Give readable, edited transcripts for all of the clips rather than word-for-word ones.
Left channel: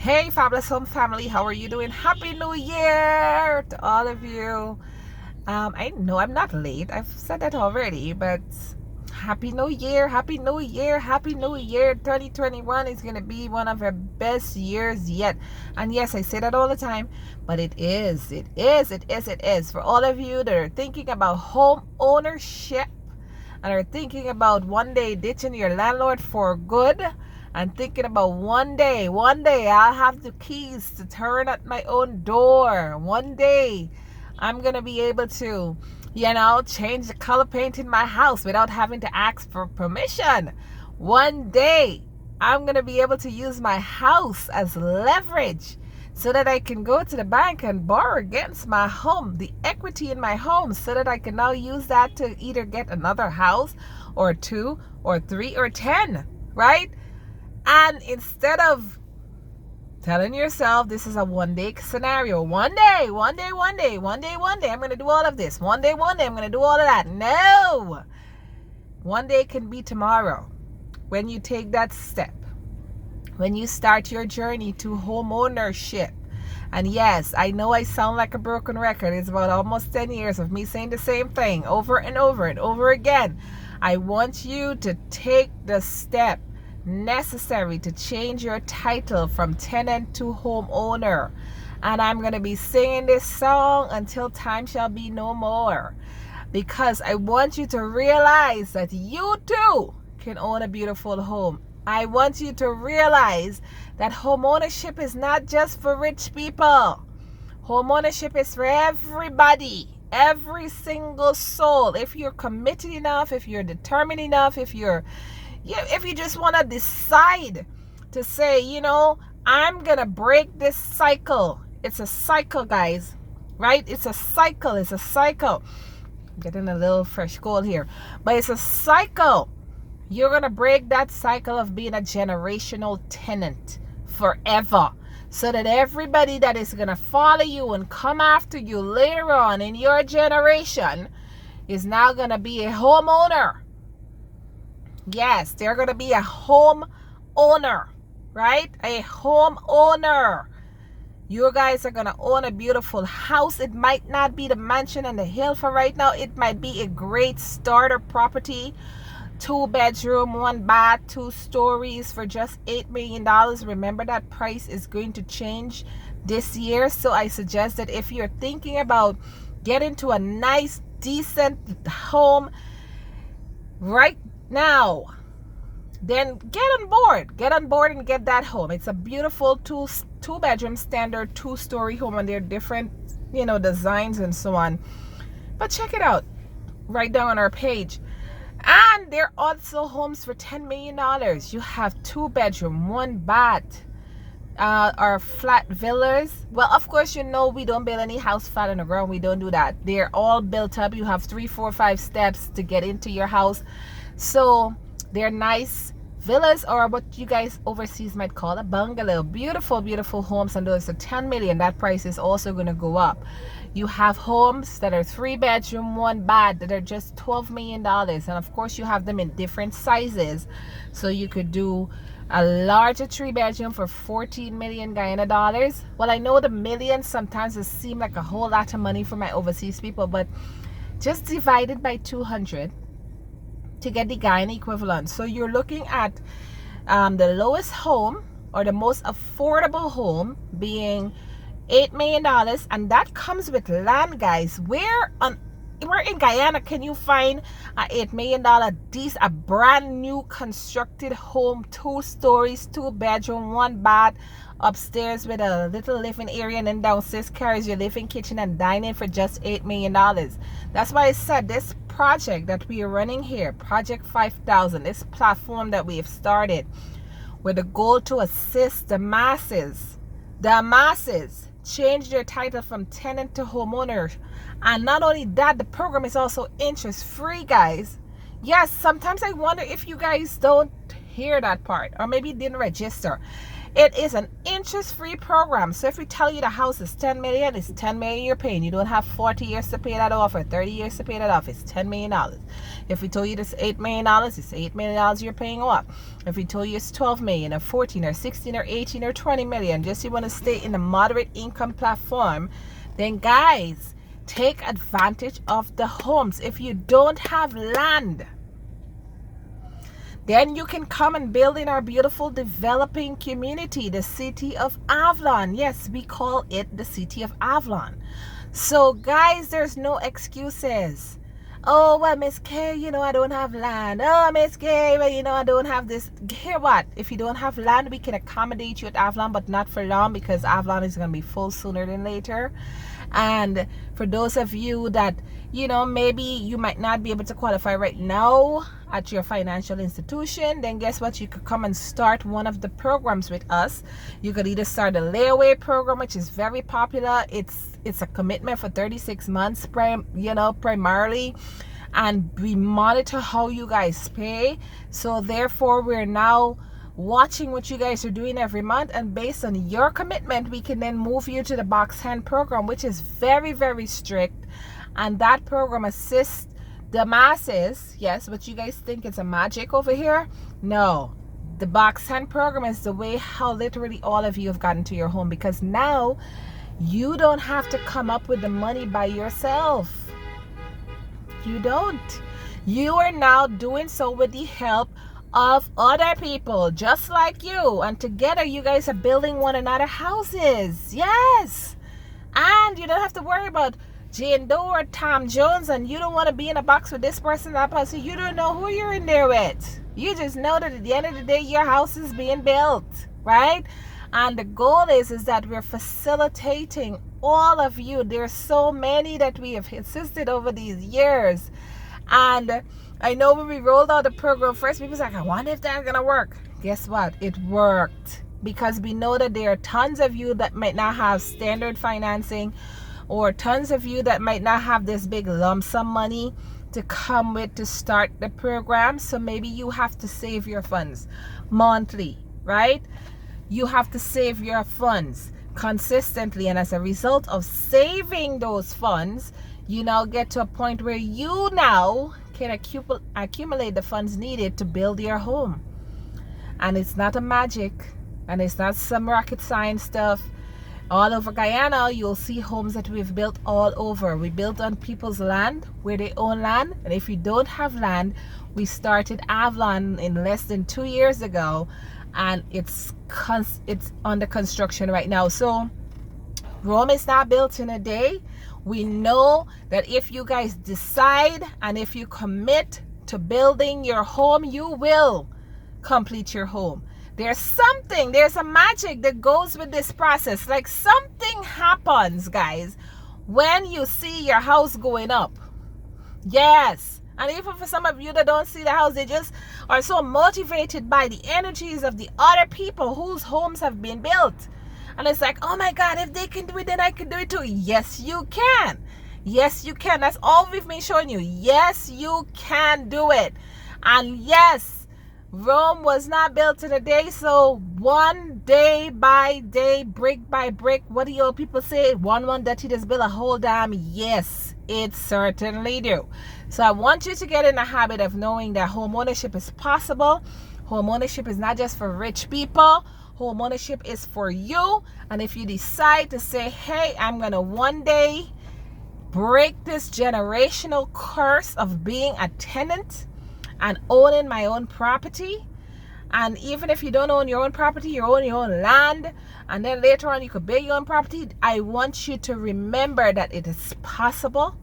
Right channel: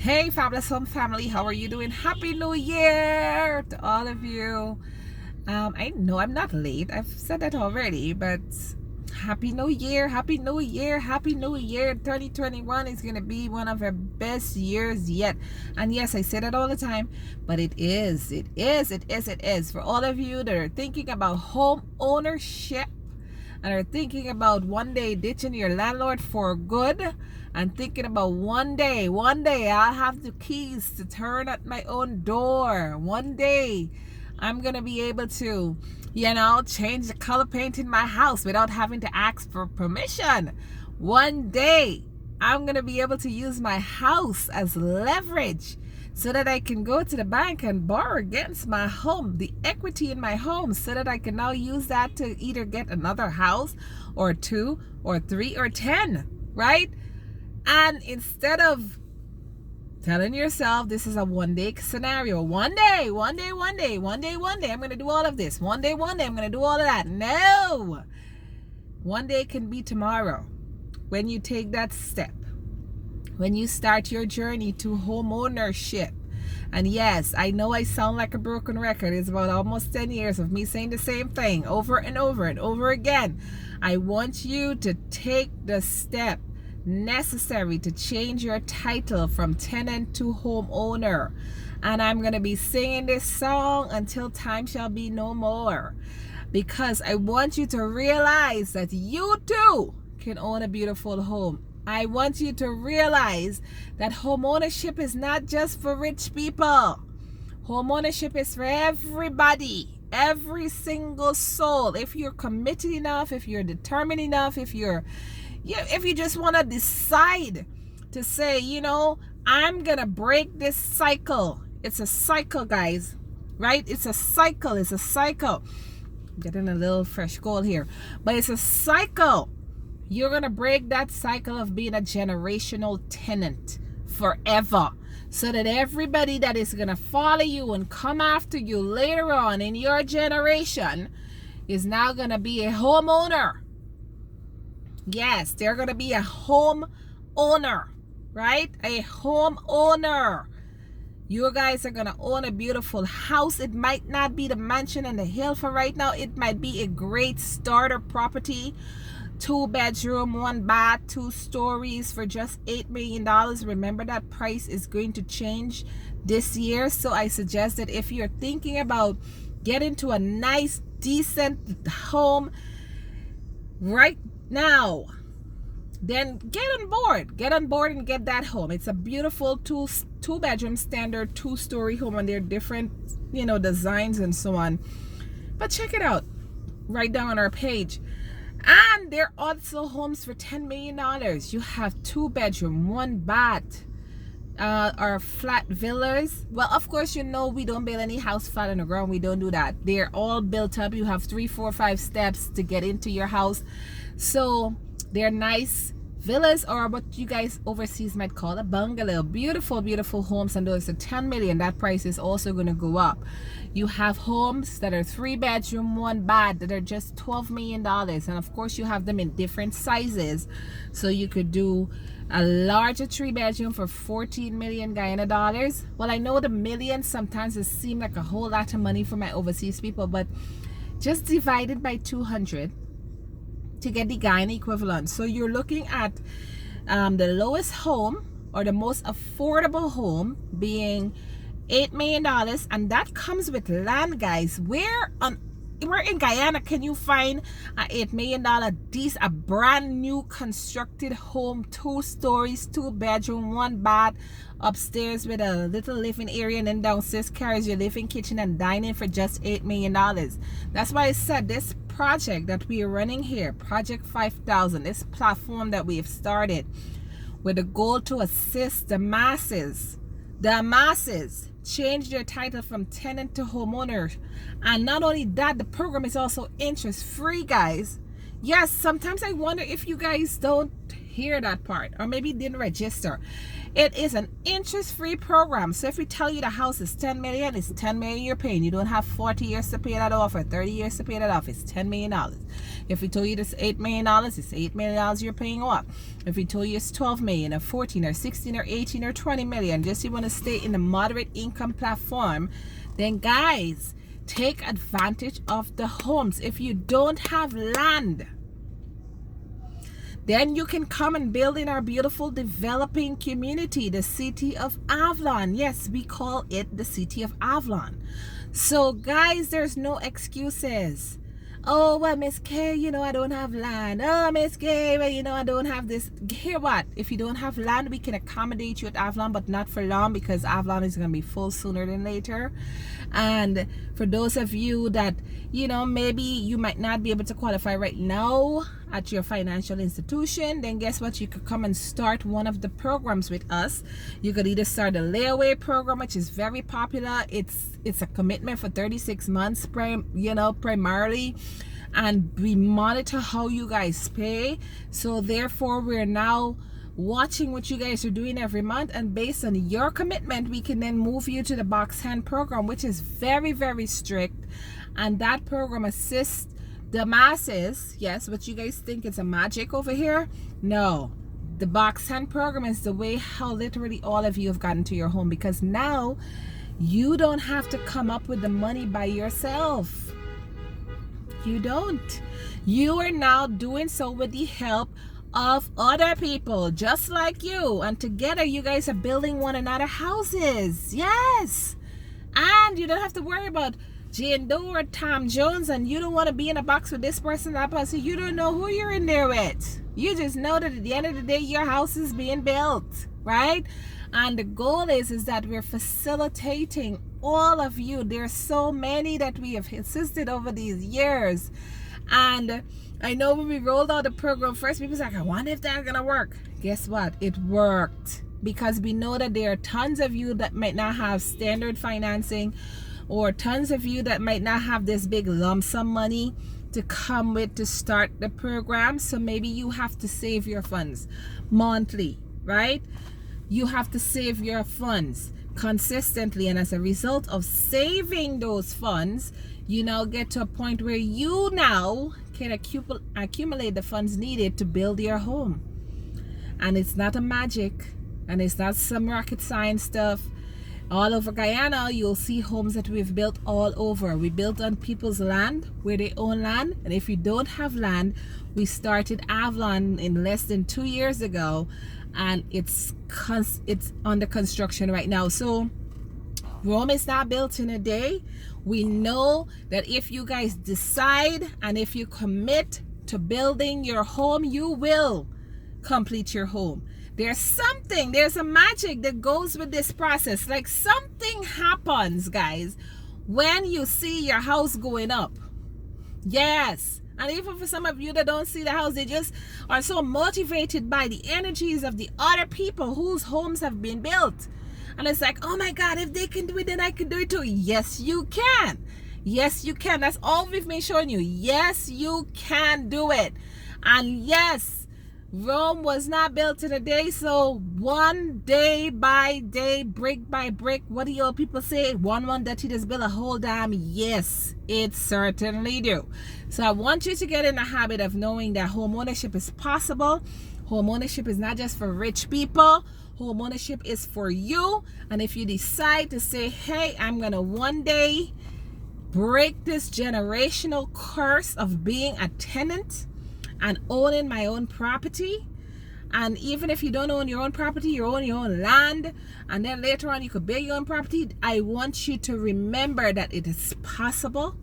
Hey, Fabulous Home family, how are you doing? Happy New Year to all of you. I know I'm not late. I've said that already, but Happy New Year, Happy New Year, Happy New Year. 2021 is going to be one of our best years yet. And yes, I say that all the time, but it is. For all of you that are thinking about home ownership and are thinking about one day ditching your landlord for good, and thinking about one day I'll have the keys to turn at my own door. One day I'm gonna be able to, change the color paint in my house without having to ask for permission. One day I'm gonna be able to use my house as leverage so that I can go to the bank and borrow against my home, the equity in my home, so that I can now use that to either get another house or 2 or 3 or 10, right? And instead of telling yourself this is a one-day scenario, one day, I'm going to do all of this. One day, I'm going to do all of that. No! One day can be tomorrow when you take that step, when you start your journey to home ownership. And yes, I know I sound like a broken record. It's about almost 10 years of me saying the same thing over and over and over again. I want you to take the step necessary to change your title from tenant to homeowner. And I'm going to be singing this song until time shall be no more, because I want you to realize that you too can own a beautiful home. I want you to realize that home ownership is not just for rich people. Home ownership is for everybody, every single soul. If you're committed enough, if you're determined enough, if you just want to decide to say, I'm going to break this cycle. It's a cycle, guys, right? It's a cycle. I'm getting a little fresh cold here, but it's a cycle. You're going to break that cycle of being a generational tenant forever, so that everybody that is going to follow you and come after you later on in your generation is now going to be a homeowner. Yes, they're going to be a home owner, right? A home owner. You guys are going to own a beautiful house. It might not be the mansion on the hill for right now. It might be a great starter property. 2 bedroom, 1 bath, 2 stories for just $8 million. Remember, that price is going to change this year. So I suggest that if you're thinking about getting to a nice, decent home right now, then get on board and get that home. It's a beautiful two bedroom standard 2-story home, and there are different designs and so on, but check it out right down on our page. And there are also homes for $10 million. You have 2 bedroom, 1 bath, or flat villas. Well, of course, we don't build any house flat on the ground. We don't do that. They're all built up. You have 3, 4, 5 steps to get into your house. So they're nice villas, or what you guys overseas might call a bungalow. Beautiful, beautiful homes, and those are $10 million. That price is also going to go up. You have homes that are 3 bedroom, 1 bath that are just $12 million. And of course, you have them in different sizes. So you could do a larger 3 bedroom for 14 million Guyana dollars. Well, I know the millions sometimes it seem like a whole lot of money for my overseas people, but just divide it by 200 to get the Guyana equivalent. So you're looking at the lowest home, or the most affordable home, being $8 million, and that comes with land, guys. Where in Guyana can you find a $8 million a brand new constructed home, 2 stories, 2 bedroom, 1 bath, upstairs with a little living area, and then downstairs carries your living kitchen and dining for just $8 million? That's why I said this project that we are running here, Project 5000, this platform that we have started with the goal to assist the masses change their title from tenant to homeowner. And not only that, the program is also interest free, guys. Yes, sometimes I wonder if you guys don't hear that part, or maybe didn't register. It is an interest-free program. So if we tell you the house is 10 million, it's 10 million you're paying. You don't have 40 years to pay that off or 30 years to pay that off. It's $10 million. If we told you this $8 million, it's $8 million you're paying off. If we told you it's 12 million or 14 or 16 or 18 or 20 million, just you want to stay in the moderate income platform, then guys, take advantage of the homes. If you don't have land, then you can come and build in our beautiful developing community, the city of Avalon. Yes, we call it the city of Avalon. So guys, there's no excuses. Oh, well, Miss K, you know, I don't have land. Oh, Miss K, well, you know, I don't have this. Hear what? If you don't have land, we can accommodate you at Avalon, but not for long, because Avalon is going to be full sooner than later. And for those of you that, you know, maybe you might not be able to qualify right now at your financial institution, then guess what? You could come and start one of the programs with us. You could either start a layaway program, which is very popular. It's a commitment for 36 months, primarily, and we monitor how you guys pay. So therefore, we're now watching what you guys are doing every month, and based on your commitment, we can then move you to the box hand program, which is very, very strict. And that program assists the masses. Yes, but you guys think it's a magic over here? No, the box hand program is the way how literally all of you have gotten to your home, because now you don't have to come up with the money by yourself. You don't. You are now doing so with the help of other people just like you, and together you guys are building one another houses. Yes, and you don't have to worry about Jane Doe or Tom Jones, and you don't want to be in a box with this person, that person. You don't know who you're in there with. You just know that at the end of the day, your house is being built, right? And the goal is that we're facilitating all of you. There's so many that we have assisted over these years. And I know when we rolled out the program first, people was like, I wonder if that's gonna work. Guess what? It worked, because we know that there are tons of you that might not have standard financing, or tons of you that might not have this big lump sum money to come with to start the program. So maybe you have to save your funds monthly, right? You have to save your funds consistently, and as a result of saving those funds, you now get to a point where you now can accumulate the funds needed to build your home. And it's not a magic, and it's not some rocket science stuff. All over Guyana, you'll see homes that we've built all over. We built on people's land where they own land. And if you don't have land, we started Avalon in less than 2 years ago, and it's under construction right now. So Rome is not built in a day. We know that if you guys decide and if you commit to building your home, you will complete your home. There's a magic that goes with this process. Like, something happens, guys, when you see your house going up. Yes. And even for some of you that don't see the house, they just are so motivated by the energies of the other people whose homes have been built. And it's like, oh my God, if they can do it, then I can do it too. Yes, you can. Yes, you can. That's all we've been showing you. Yes, you can do it. And yes, Rome was not built in a day. So one day by day, brick by brick, what do you old people say? One that he just built a whole dam. Yes, it certainly do. So I want you to get in the habit of knowing that home ownership is possible. Home ownership is not just for rich people. Home ownership is for you. And if you decide to say, hey, I'm gonna one day break this generational curse of being a tenant and owning my own property, and even if you don't own your own property, you own your own land, and then later on you could build your own property, I want you to remember that it is possible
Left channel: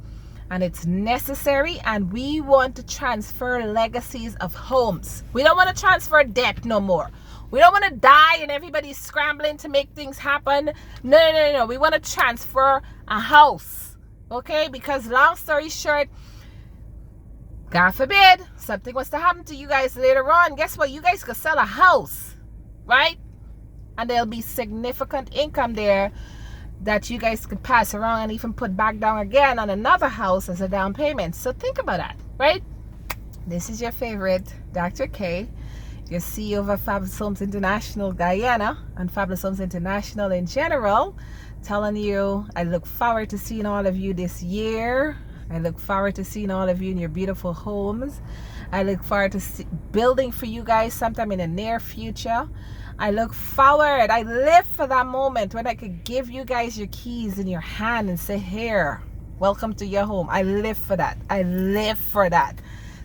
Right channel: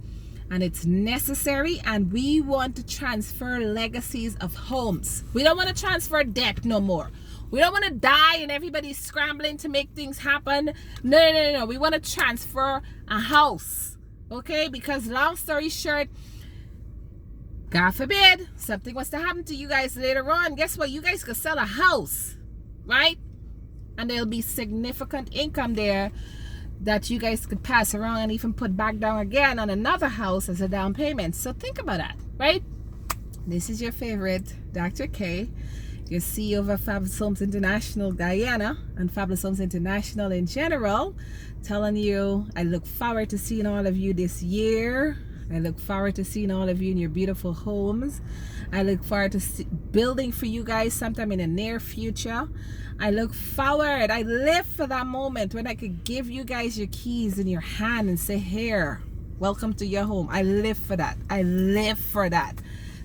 and it's necessary. And we want to transfer legacies of homes. We don't want to transfer debt no more. We don't want to die and everybody's scrambling to make things happen. No. We want to transfer a house, okay? Because long story short, God forbid something was to happen to you guys later on. Guess what? You guys could sell a house, right? And there'll be significant income there that you guys could pass around and even put back down again on another house as a down payment. So think about that, right? This is your favorite Dr. K, your CEO of Fabulous Homes International Guyana and Fabulous Homes International in general, telling you I look forward to seeing all of you this year. I look forward to seeing all of you in your beautiful homes. I look forward to building for you guys sometime in the near future. I look forward, I live for that moment when I could give you guys your keys in your hand and say, here, welcome to your home. I live for that. I live for that.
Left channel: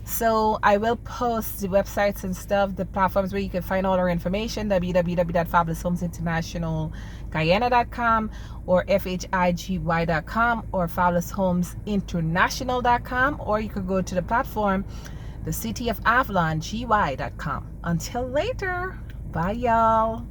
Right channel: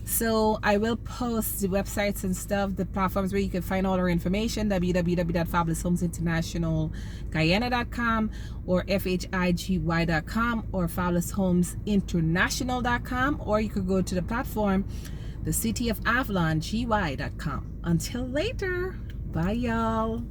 So I will post the websites and stuff, the platforms where you can find all our information, www.fabuloushomesinterntionalguyana.com or FHIGY.com or fabuloushomesinterntional.com, or you could go to the platform, the city of Avalon, GY.com. Until later, bye y'all.